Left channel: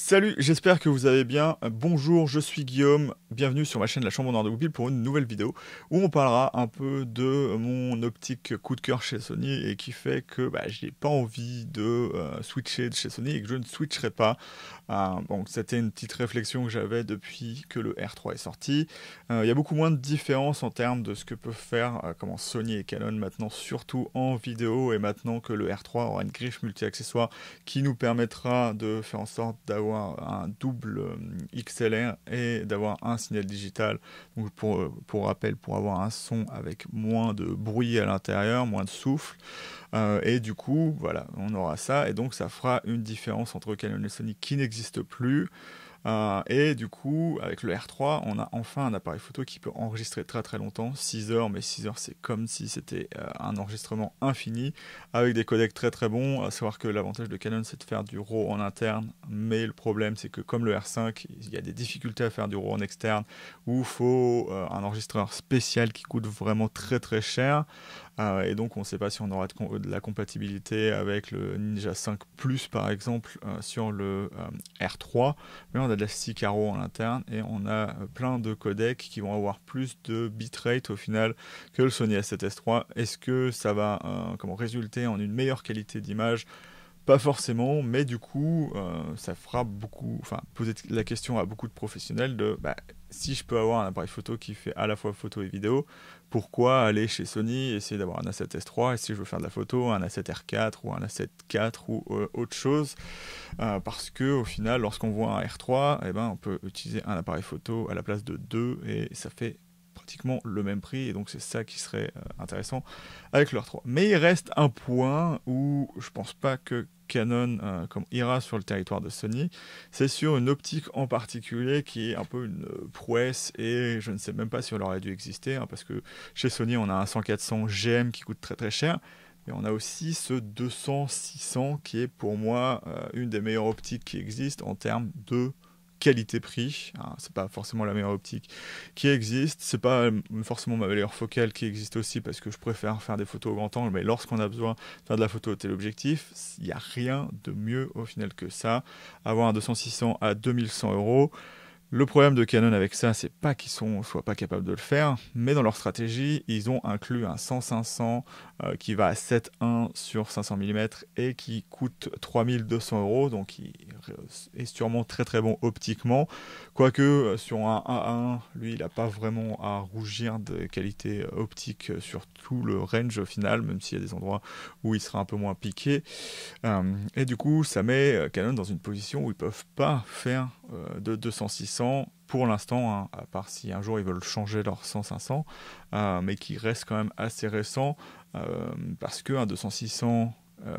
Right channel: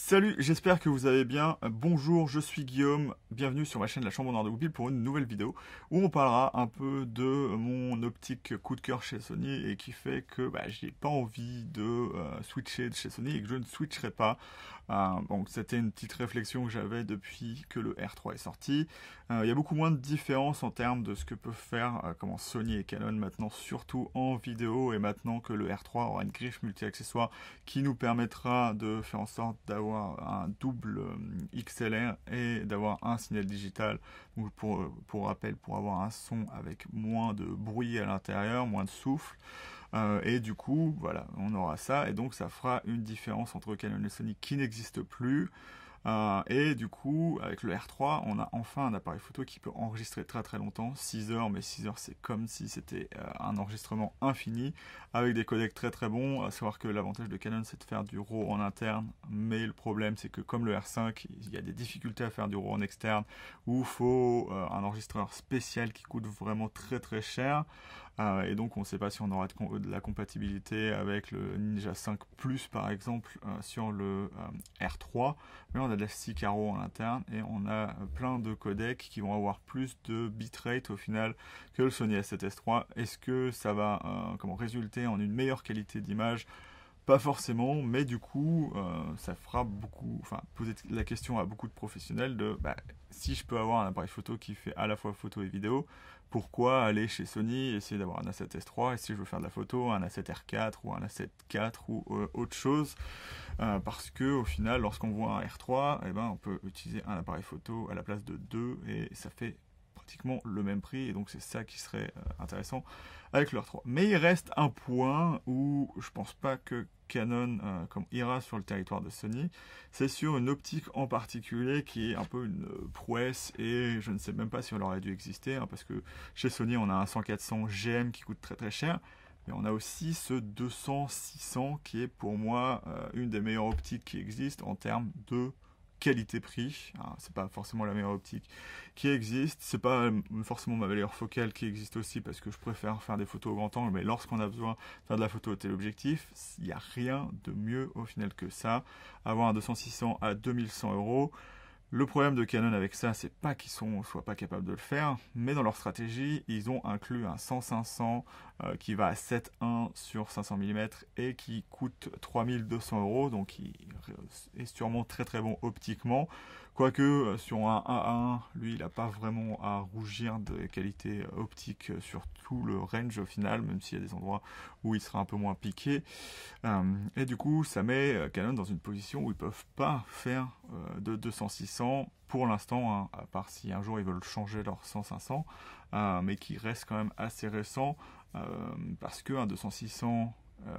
Salut, j'espère que vous allez bien. Bonjour, je suis Guillaume. Bienvenue sur ma chaîne La Chambre d'Or de Goupil pour une nouvelle vidéo où on parlera un peu de mon optique coup de cœur chez Sony et qui fait que je n'ai pas envie de switcher de chez Sony et que je ne switcherai pas. Donc c'était une petite réflexion que j'avais depuis que le R3 est sorti. Il y a beaucoup moins de différence en termes de ce que peuvent faire comment Sony et Canon maintenant, surtout en vidéo, et maintenant que le R3 aura une griffe multi-accessoires qui nous permettra de faire en sorte d'avoir un double XLR et d'avoir un signal digital. Donc pour rappel, pour avoir un son avec moins de bruit à l'intérieur, moins de souffle. Et du coup, voilà, on aura ça. Et donc ça fera une différence entre Canon et Sony qui n'existe plus. Et du coup, avec le R3, on a enfin un appareil photo qui peut enregistrer très très longtemps, 6 heures, mais 6 heures c'est comme si c'était un enregistrement infini, avec des codecs très très bons, à savoir que l'avantage de Canon c'est de faire du RAW en interne, mais le problème c'est que comme le R5, il y a des difficultés à faire du RAW en externe, où il faut un enregistreur spécial qui coûte vraiment très très cher, et donc on ne sait pas si on aura de la compatibilité avec le Ninja 5 Plus par exemple sur le R3, mais on a de la 6 carreaux en interne et on a plein de codecs qui vont avoir plus de bitrate au final que le Sony A7S III. Est-ce que ça va résulter en une meilleure qualité d'image? Pas forcément, mais du coup, ça fera beaucoup, enfin, poser la question à beaucoup de professionnels de si je peux avoir un appareil photo qui fait à la fois photo et vidéo, pourquoi aller chez Sony, essayer d'avoir un A7S III, et si je veux faire de la photo, un A7R4 ou un A7 IV ou autre chose, parce que au final, lorsqu'on voit un R3, eh ben, on peut utiliser un appareil photo à la place de deux, et ça fait pratiquement le même prix, et donc c'est ça qui serait intéressant avec le R3. Mais il reste un point où je pense pas que Canon ira sur le territoire de Sony, c'est sur une optique en particulier qui est un peu une prouesse, et je ne sais même pas si elle aurait dû exister, hein, parce que chez Sony on a un 100-400 GM qui coûte très très cher, mais on a aussi ce 200-600 qui est pour moi une des meilleures optiques qui existent en termes de qualité-prix. C'est pas forcément la meilleure optique qui existe, c'est pas forcément ma meilleure focale qui existe aussi parce que je préfère faire des photos au grand angle, mais lorsqu'on a besoin de faire de la photo au téléobjectif, il n'y a rien de mieux au final que ça. Avoir un 200-600 à 2100 €. Le problème de Canon avec ça, c'est pas qu'ils soient pas capables de le faire, mais dans leur stratégie, ils ont inclus un 100-500 qui va à 7.1 sur 500 mm et qui coûte 3200 €, donc qui est sûrement très très bon optiquement. Quoique sur un A1, lui, il n'a pas vraiment à rougir de qualité optique sur tout le range final, même s'il y a des endroits où il sera un peu moins piqué. Et du coup, ça met Canon dans une position où ils peuvent pas faire de 200-600 pour l'instant, hein, à part si un jour ils veulent changer leur 100-500, mais qui reste quand même assez récent, euh, parce qu'un 200-600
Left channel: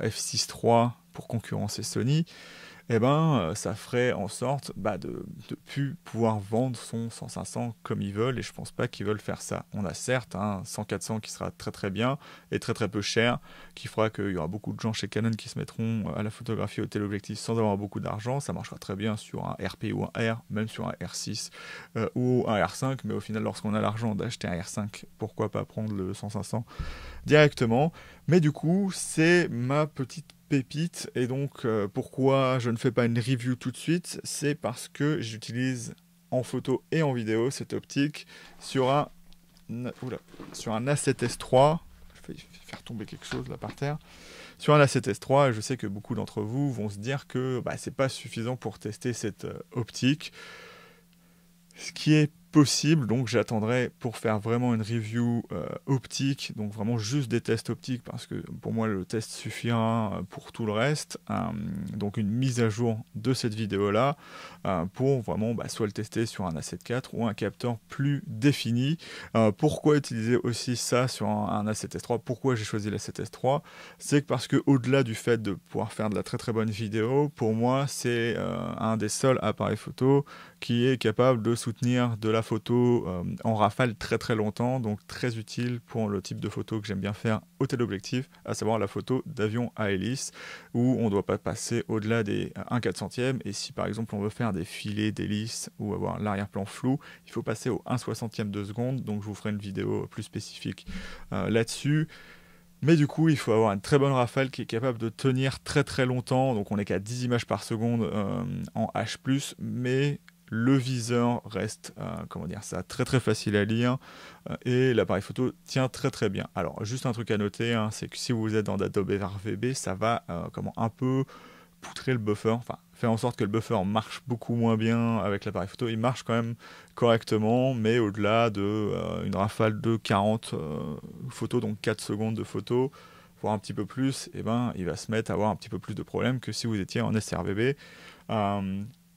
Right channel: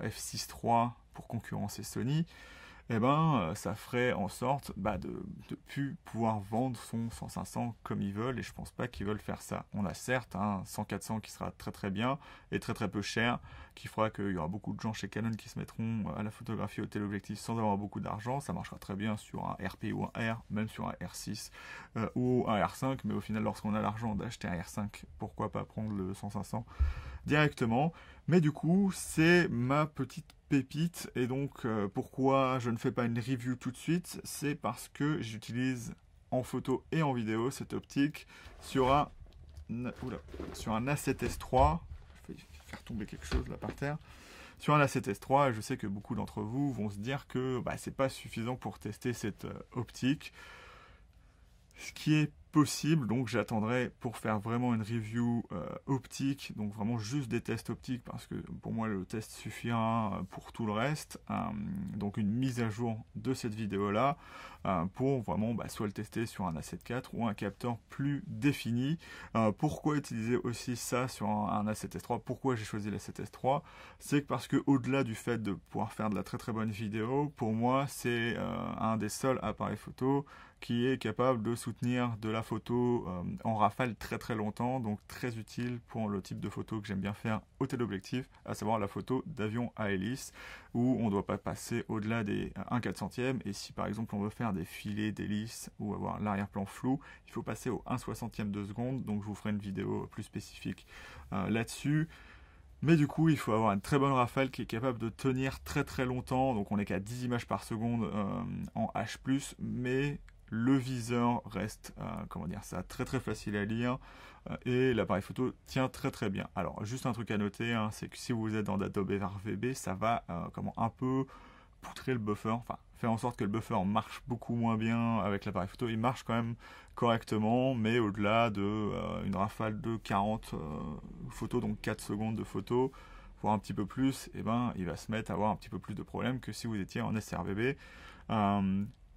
f6 III pour concurrencer Sony, eh ben, ça ferait en sorte de ne plus pouvoir vendre son 100-500 comme ils veulent, et je pense pas qu'ils veulent faire ça. On a certes un 100-400 qui sera très très bien et très très peu cher, qui fera qu'il y aura beaucoup de gens chez Canon qui se mettront à la photographie au téléobjectif sans avoir beaucoup d'argent. Ça marchera très bien sur un RP ou un R, même sur un R6 ou un R5, mais au final, lorsqu'on a l'argent d'acheter un R5, pourquoi pas prendre le 100-500 directement. Mais du coup, c'est ma petite pépite, et donc pourquoi je ne fais pas une review tout de suite, c'est parce que j'utilise en photo et en vidéo cette optique sur sur un A7S III. Je vais faire tomber quelque chose là par terre. Sur un A7S III, je sais que beaucoup d'entre vous vont se dire que c'est pas suffisant pour tester cette optique. Ce qui est possible, donc j'attendrai pour faire vraiment une review optique, donc vraiment juste des tests optiques, parce que pour moi le test suffira pour tout le reste. Donc une mise à jour de cette vidéo là pour vraiment soit le tester sur un A7 IV ou un capteur plus défini. Pourquoi utiliser aussi ça sur un A7S III? Pourquoi j'ai choisi l'A7S III? C'est que parce que au-delà du fait de pouvoir faire de la très très bonne vidéo, pour moi c'est un des seuls appareils photo qui est capable de soutenir de la photo en rafale très très longtemps, donc très utile pour le type de photo que j'aime bien faire au téléobjectif, à savoir la photo d'avion à hélice, où on ne doit pas passer au-delà des 1/400e, et si par exemple on veut faire des filets d'hélice ou avoir l'arrière-plan flou, il faut passer au 1/60e de seconde, donc je vous ferai une vidéo plus spécifique là-dessus. Mais du coup, il faut avoir une très bonne rafale qui est capable de tenir très très longtemps. Donc on n'est qu'à 10 images par seconde en H+, mais le viseur reste, comment dire ça, très très facile à lire et l'appareil photo tient très très bien. Alors juste un truc à noter, hein, c'est que si vous êtes dans Adobe RVB, ça va un peu poutrer le buffer, enfin faire en sorte que le buffer marche beaucoup moins bien avec l'appareil photo. Il marche quand même correctement, mais au-delà de une rafale de 40 photos, donc 4 secondes de photos, voire un petit peu plus, et ben il va se mettre à avoir un petit peu plus de problèmes que si vous étiez en sRVB.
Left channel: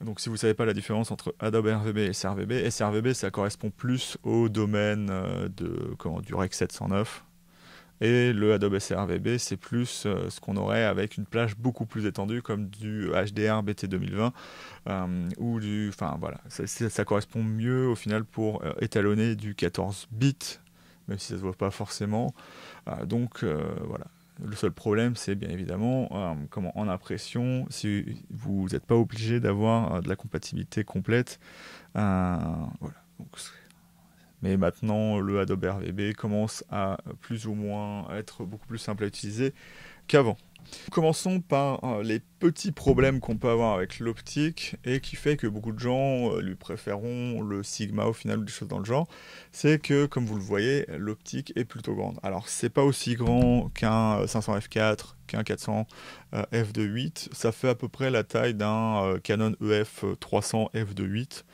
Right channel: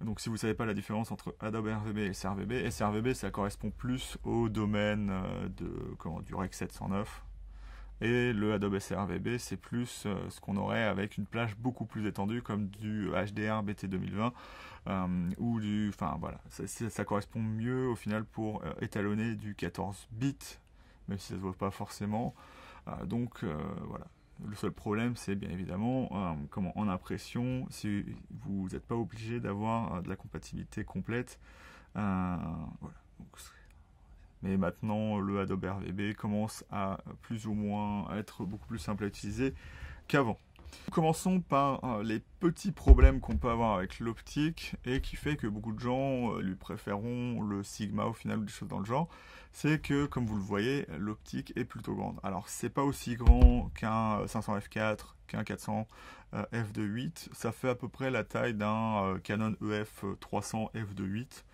Donc si vous ne savez pas la différence entre Adobe RVB et sRVB, sRVB ça correspond plus au domaine du Rec 709. Et le Adobe sRVB, c'est plus ce qu'on aurait avec une plage beaucoup plus étendue, comme du HDR BT 2020, ou du... Enfin voilà, ça correspond mieux au final pour étalonner du 14 bits, même si ça ne se voit pas forcément. Donc voilà. Le seul problème, c'est bien évidemment en impression, si vous n'êtes pas obligé d'avoir de la compatibilité complète. Voilà. Donc, mais maintenant, le Adobe RVB commence à plus ou moins être beaucoup plus simple à utiliser qu'avant. Commençons par les petits problèmes qu'on peut avoir avec l'optique et qui fait que beaucoup de gens lui préféreront le Sigma au final ou des choses dans le genre. C'est que, comme vous le voyez, l'optique est plutôt grande. Alors, c'est pas aussi grand qu'un 500 f4, qu'un 400 f2.8. Ça fait à peu près la taille d'un Canon EF 300 f2.8.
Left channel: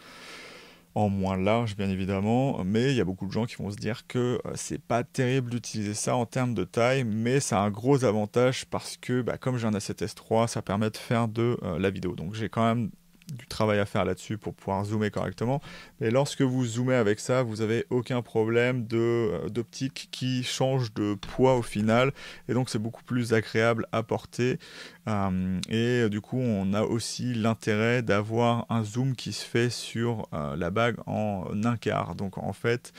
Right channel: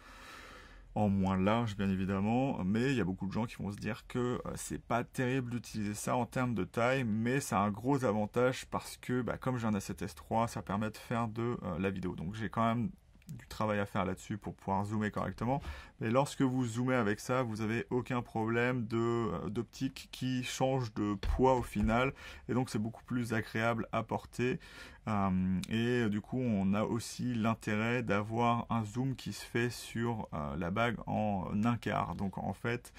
En moins large bien évidemment, mais il y a beaucoup de gens qui vont se dire que c'est pas terrible d'utiliser ça en termes de taille, mais ça a un gros avantage parce que comme j'ai un A7S III, ça permet de faire de la vidéo. Donc j'ai quand même du travail à faire là-dessus pour pouvoir zoomer correctement. Mais lorsque vous zoomez avec ça, vous n'avez aucun problème d'optique qui change de poids au final. Et donc c'est beaucoup plus agréable à porter. Et du coup, on a aussi l'intérêt d'avoir un zoom qui se fait sur la bague en un quart. Donc en fait,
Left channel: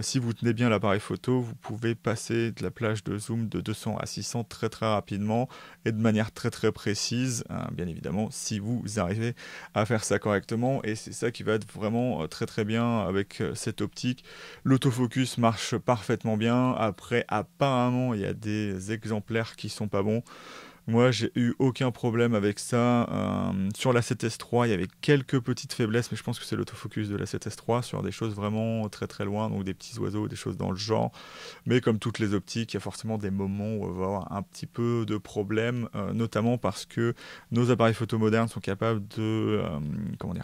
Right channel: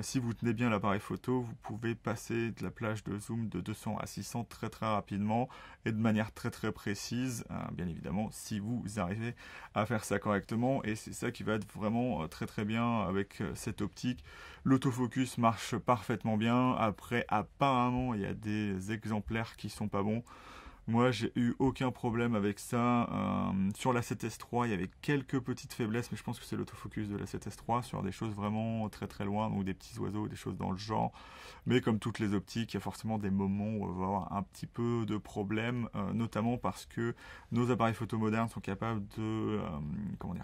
si vous tenez bien l'appareil photo, vous pouvez passer de la plage de zoom de 200 à 600 très très rapidement et de manière très très précise, bien évidemment, si vous arrivez à faire ça correctement. Et c'est ça qui va être vraiment très très bien avec cette optique. L'autofocus marche parfaitement bien. Après, apparemment, il y a des exemplaires qui sont pas bons. Moi, j'ai eu aucun problème avec ça. Sur la 7S III, il y avait quelques petites faiblesses, mais je pense que c'est l'autofocus de la 7S III sur des choses vraiment très très loin, donc des petits oiseaux, des choses dans le genre. Mais comme toutes les optiques, il y a forcément des moments où on va avoir un petit peu de problème, notamment parce que nos appareils photo modernes sont capables de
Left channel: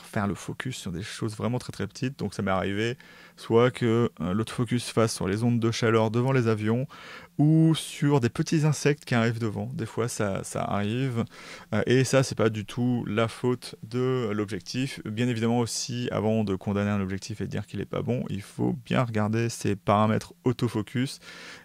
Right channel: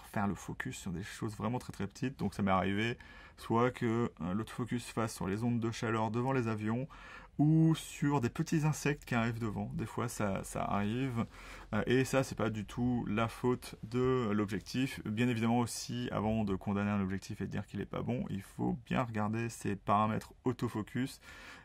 faire le focus sur des choses vraiment très très petites. Donc ça m'est arrivé soit que l'autofocus fasse sur les ondes de chaleur devant les avions, ou sur des petits insectes qui arrivent devant. Des fois, ça arrive. Et ça, c'est pas du tout la faute de l'objectif. Bien évidemment aussi, avant de condamner un objectif et de dire qu'il est pas bon, il faut bien regarder ses paramètres autofocus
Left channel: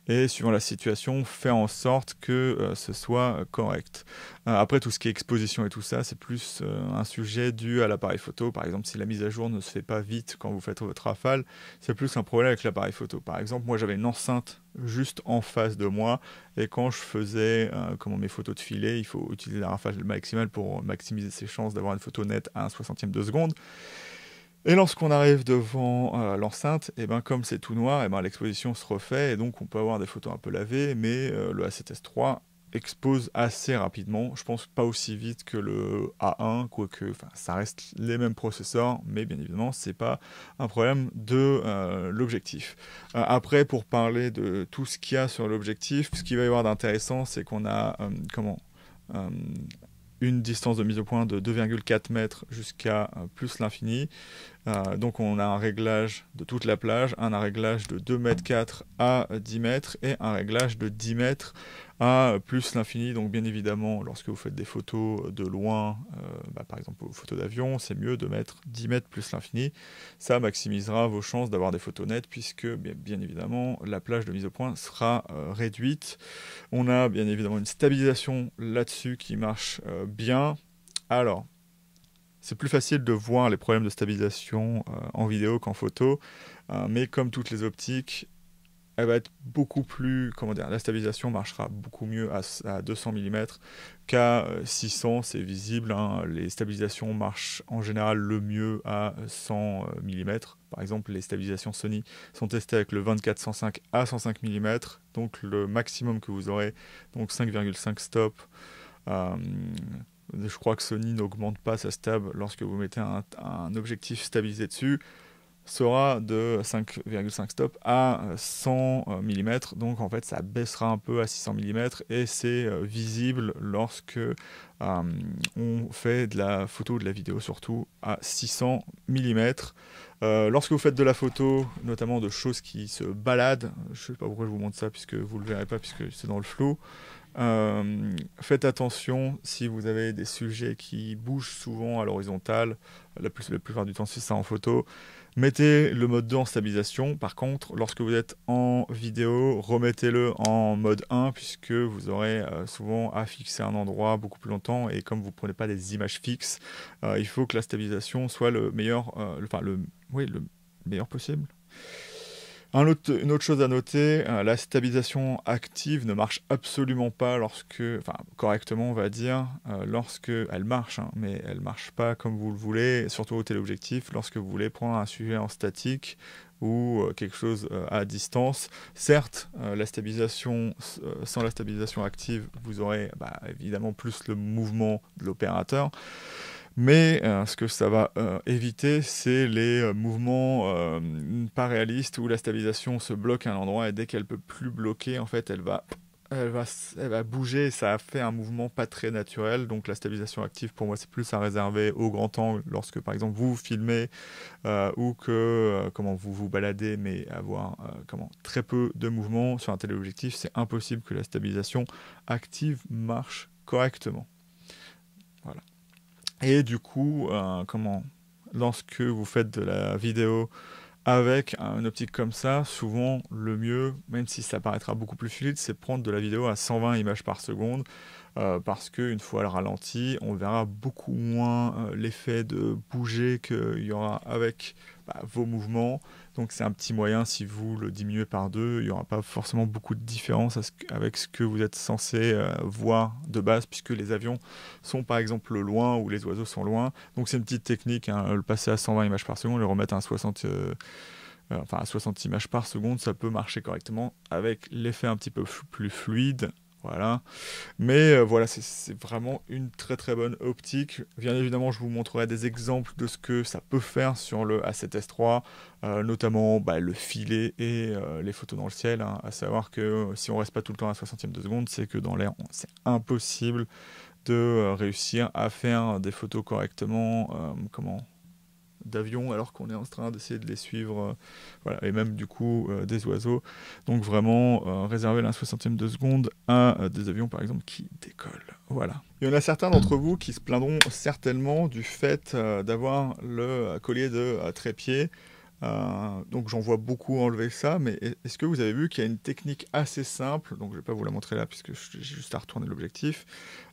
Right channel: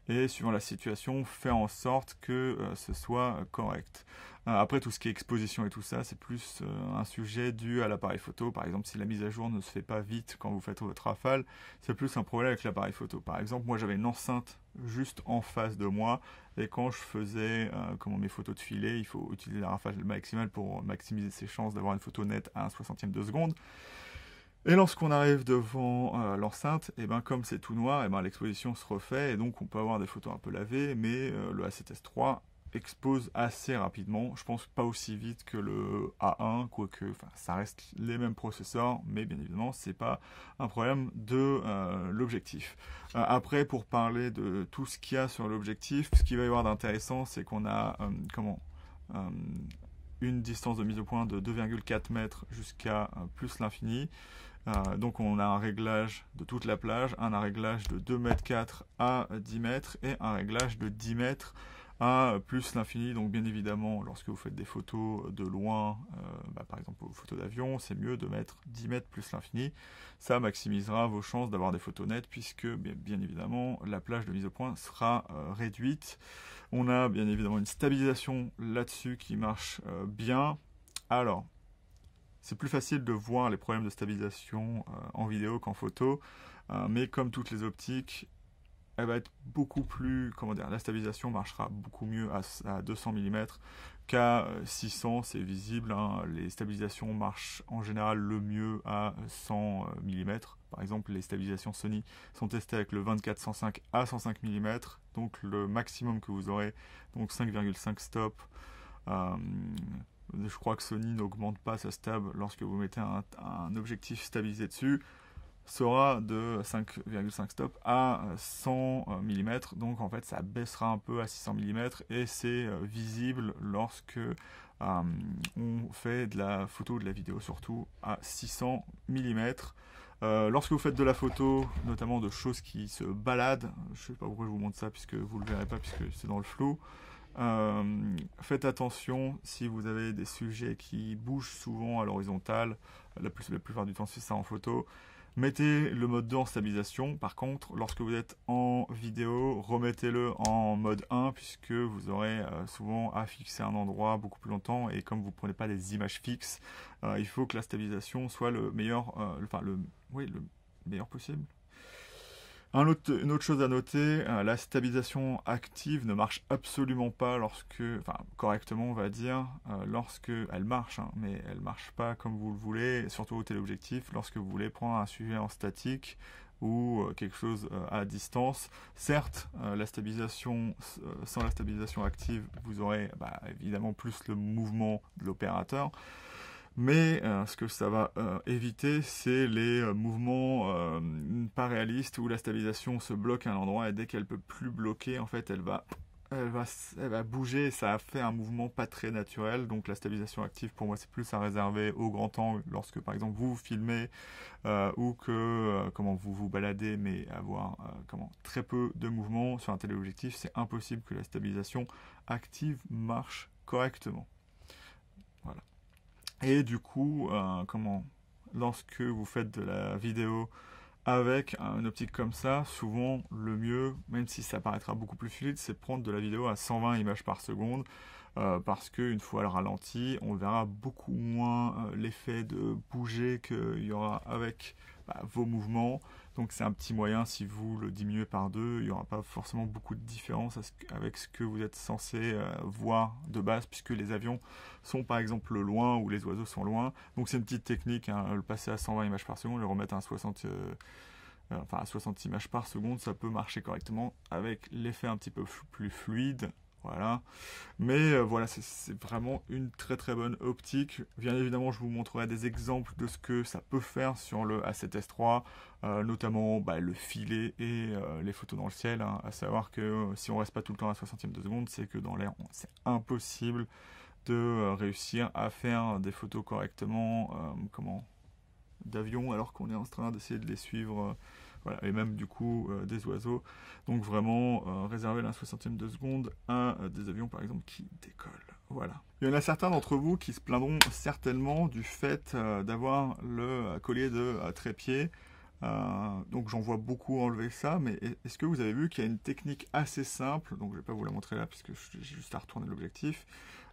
et suivant la situation, faire en sorte que ce soit correct. Après, tout ce qui est exposition et tout ça, c'est plus un sujet dû à l'appareil photo. Par exemple, si la mise à jour ne se fait pas vite quand vous faites votre rafale, c'est plus un problème avec l'appareil photo. Par exemple, moi j'avais une enceinte juste en face de moi et quand je faisais mes photos de filet, il faut utiliser la rafale maximale pour maximiser ses chances d'avoir une photo nette à un 60e de seconde. Et lorsqu'on arrive devant l'enceinte, et comme c'est tout noir, et l'exposition se refait, et donc on peut avoir des photos un peu lavées, mais le A7S III expose assez rapidement. Je pense pas aussi vite que le A1, quoique ça reste les mêmes processeurs, mais bien évidemment, c'est pas un problème de l'objectif. Après, pour parler de tout ce qu'il y a sur l'objectif, ce qu'il va y avoir d'intéressant, c'est qu'on a une distance de mise au point de 2,4 mètres jusqu'à plus l'infini. Donc on a un réglage de toute la plage, un réglage de 2,4 m à 10 mètres et un réglage de 10 mètres à plus l'infini. Donc bien évidemment, lorsque vous faites des photos de loin, par exemple aux photos d'avion, c'est mieux de mettre 10 mètres plus l'infini. Ça maximisera vos chances d'avoir des photos nettes puisque bien évidemment la plage de mise au point sera réduite. On a bien évidemment une stabilisation là-dessus qui marche bien. Alors, c'est plus facile de voir les problèmes de stabilisation en vidéo qu'en photo, mais comme toutes les optiques, elle va être beaucoup plus, comment dire, la stabilisation marchera beaucoup mieux à 200 mm qu'à 600, c'est visible, hein. Les stabilisations marchent en général le mieux à 100 mm. Par exemple, les stabilisations Sony sont testées avec le 24-105 à 105 mm, donc le maximum que vous aurez, donc 5,5 stop. Je crois que Sony n'augmente pas sa stab lorsque vous mettez un objectif stabilisé dessus, sera de 5,5 stop à 100 mm, donc en fait ça baissera un peu à 600 mm et c'est visible lorsque on fait de la photo ou de la vidéo, surtout à 600 mm. Lorsque vous faites de la photo, notamment de choses qui se baladent, je sais pas pourquoi je vous montre ça puisque vous le verrez pas puisque c'est dans le flou. Faites attention si vous avez des sujets qui bougent souvent à l'horizontale, la plupart du temps c'est ça en photo. Mettez le mode 2 en stabilisation. Par contre, lorsque vous êtes en vidéo, remettez-le en mode 1 puisque vous aurez souvent à fixer un endroit beaucoup plus longtemps et comme vous ne prenez pas des images fixes, il faut que la stabilisation soit le meilleur, le meilleur possible. Une autre chose à noter, la stabilisation active ne marche absolument pas correctement on va dire, lorsque elle marche, hein, mais elle marche pas comme vous le voulez, surtout au téléobjectif, lorsque vous voulez prendre un sujet en statique ou quelque chose à distance. Certes, sans la stabilisation active, vous aurez évidemment plus le mouvement de l'opérateur. Mais ce que ça va éviter, c'est les mouvements pas réalistes où la stabilisation se bloque à un endroit et dès qu'elle peut plus bloquer, en fait, elle va bouger et ça fait un mouvement pas très naturel. Donc la stabilisation active, pour moi, c'est plus à réserver au grand angle lorsque, par exemple, vous filmez ou que vous vous baladez, mais avoir très peu de mouvement sur un téléobjectif, c'est impossible que la stabilisation active marche correctement. Voilà. Et du coup, lorsque vous faites de la vidéo avec une optique comme ça, souvent le mieux, même si ça paraîtra beaucoup plus fluide, c'est prendre de la vidéo à 120 images par seconde, parce qu'une fois le ralenti, on verra beaucoup moins l'effet de bouger qu'il y aura avec vos mouvements. Donc c'est un petit moyen, si vous le diminuez par 2, il n'y aura pas forcément beaucoup de différence avec ce que vous êtes censé voir de base, puisque les avions sont par exemple loin ou les oiseaux sont loin. Donc c'est une petite technique, hein, le passer à 120 images par seconde, le remettre à 60 images par seconde, ça peut marcher correctement avec l'effet un petit peu plus fluide. Voilà. Mais voilà, c'est vraiment une très très bonne optique. Bien évidemment, je vous montrerai des exemples de ce que ça peut faire sur le A7S3, notamment le filet et les photos dans le ciel. Hein, à savoir que si on reste pas tout le temps à 60e de seconde, c'est que dans l'air, c'est impossible de réussir à faire des photos correctement. D'avions alors qu'on est en train d'essayer de les suivre, voilà, et même du coup des oiseaux. Donc vraiment réserver la 60e de seconde à des avions par exemple qui décollent. Voilà. Il y en a certains d'entre vous qui se plaindront certainement du fait d'avoir le collier de trépied. Donc j'en vois beaucoup enlever ça, mais est-ce que vous avez vu qu'il y a une technique assez simple, donc je ne vais pas vous la montrer là puisque j'ai juste à retourner l'objectif.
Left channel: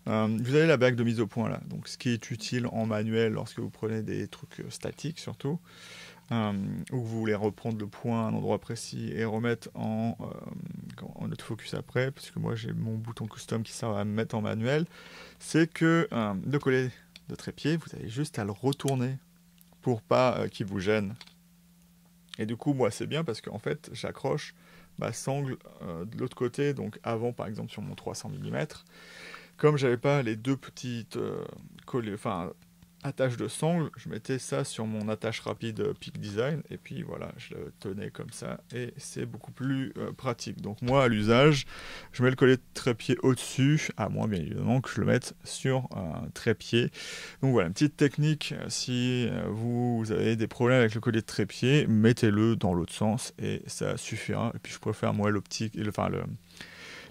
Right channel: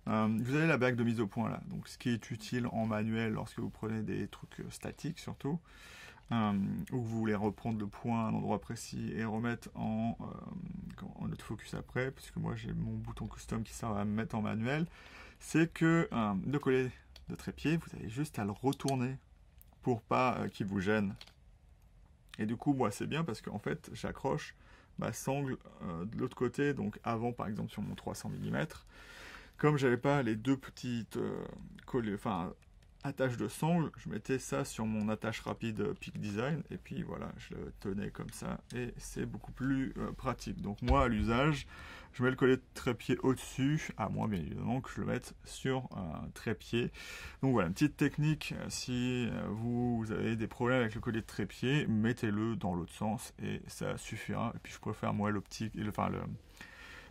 Vous avez la bague de mise au point là, donc ce qui est utile en manuel lorsque vous prenez des trucs statiques surtout, où vous voulez reprendre le point à un endroit précis et remettre en autofocus après, puisque moi j'ai mon bouton custom qui sert à me mettre en manuel, c'est que le collier de trépied, vous avez juste à le retourner pour pas qu'il vous gêne. Et du coup moi c'est bien parce qu'en fait j'accroche ma sangle de l'autre côté, donc avant par exemple sur mon 300 mm. Comme j'avais pas les deux petites attaches de sangle, je mettais ça sur mon attache rapide Peak Design et puis voilà, je le tenais comme ça et c'est beaucoup plus pratique. Donc moi à l'usage, je mets le collier de trépied au-dessus, à moins bien évidemment que je le mette sur un trépied. Donc voilà, une petite technique, si vous avez des problèmes avec le collier de trépied, mettez-le dans l'autre sens et ça suffira. Et puis je préfère moi l'optique,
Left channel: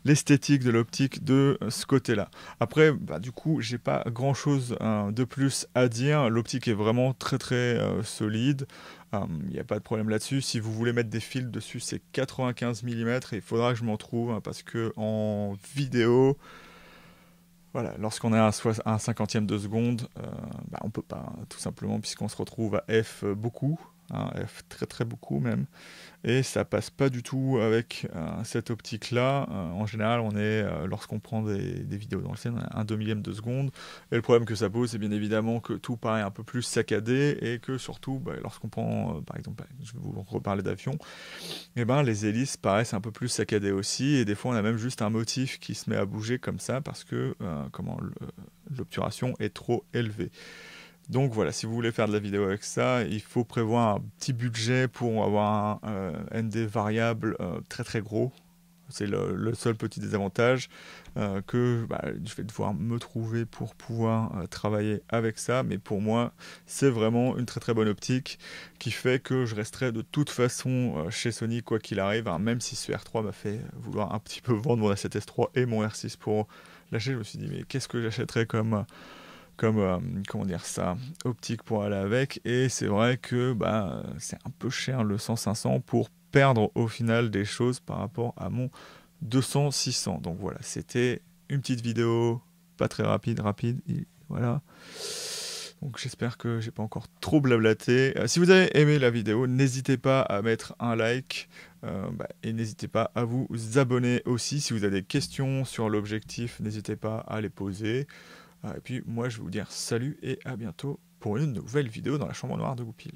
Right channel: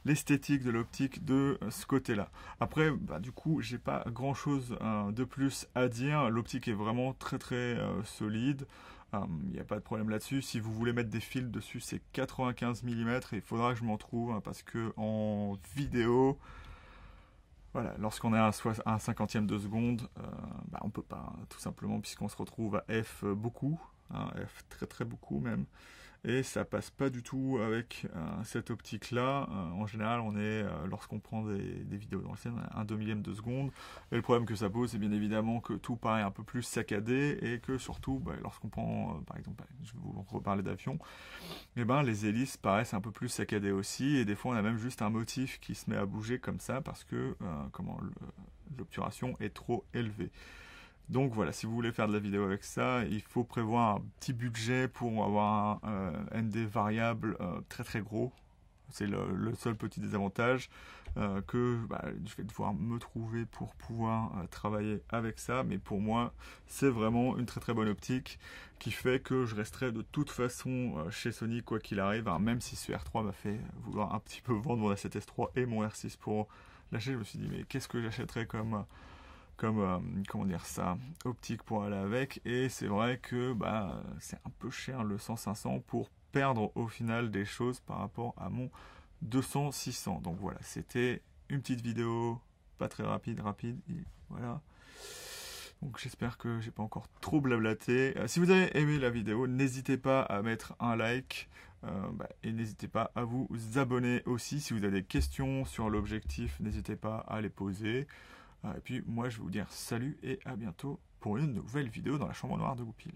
l'esthétique de l'optique de ce côté-là. Après, du coup, j'ai pas grand-chose de plus à dire. L'optique est vraiment très très solide. Il n'y a pas de problème là-dessus. Si vous voulez mettre des fils dessus, c'est 95 mm et il faudra que je m'en trouve hein, parce que en vidéo, voilà, lorsqu'on est à un 50e de seconde, on peut pas, tout simplement, puisqu'on se retrouve à F beaucoup. hein, très très beaucoup même. Et ça passe pas du tout avec cette optique-là. En général, lorsqu'on prend des vidéos dans le ciel, on a 1/2 millième de seconde. Et le problème que ça pose, c'est bien évidemment que tout paraît un peu plus saccadé et que surtout, lorsqu'on prend, par exemple, je vais vous reparler d'avion, et les hélices paraissent un peu plus saccadées aussi. Et des fois, on a même juste un motif qui se met à bouger comme ça parce que l'obturation est trop élevée. Donc voilà, si vous voulez faire de la vidéo avec ça, il faut prévoir un petit budget pour avoir un ND variable très très gros. C'est le seul petit désavantage que je vais devoir me trouver pour pouvoir travailler avec ça. Mais pour moi, c'est vraiment une très très bonne optique qui fait que je resterai de toute façon chez Sony quoi qu'il arrive. Hein, même si ce R3 m'a fait vouloir un petit peu vendre mon A7S3 et mon R6 pour lâcher, je me suis dit mais qu'est-ce que j'achèterais comme comment dire ça, optique pour aller avec. Et c'est vrai que c'est un peu cher le 100-500 pour perdre au final des choses par rapport à mon 200-600. Donc voilà, c'était une petite vidéo pas très rapide, et voilà. Donc j'espère que j'ai pas encore trop blablaté. Si vous avez aimé la vidéo, n'hésitez pas à mettre un like et n'hésitez pas à vous abonner aussi. Si vous avez des questions sur l'objectif, n'hésitez pas à les poser. Et puis moi je vais vous dire salut et à bientôt pour une nouvelle vidéo dans la chambre noire de Goupil.